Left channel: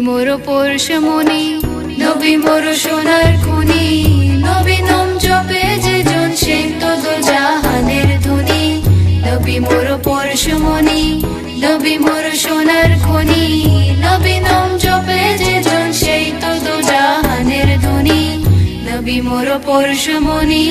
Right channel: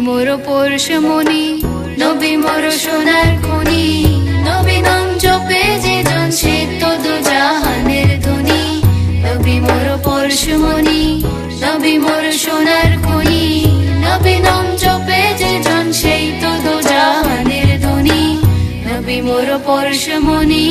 মোর পরশমণি, নবী মোর সোনার খনি। নবী নাম জপে যে জন সে তো দো জাহানের ধনী। নবী মোর পরশমণি, নবী মোর সোনার খনি। নবী নাম জপে যে জন সেই তো দো জাহানের ধনী। নবী মোর পরশমণি।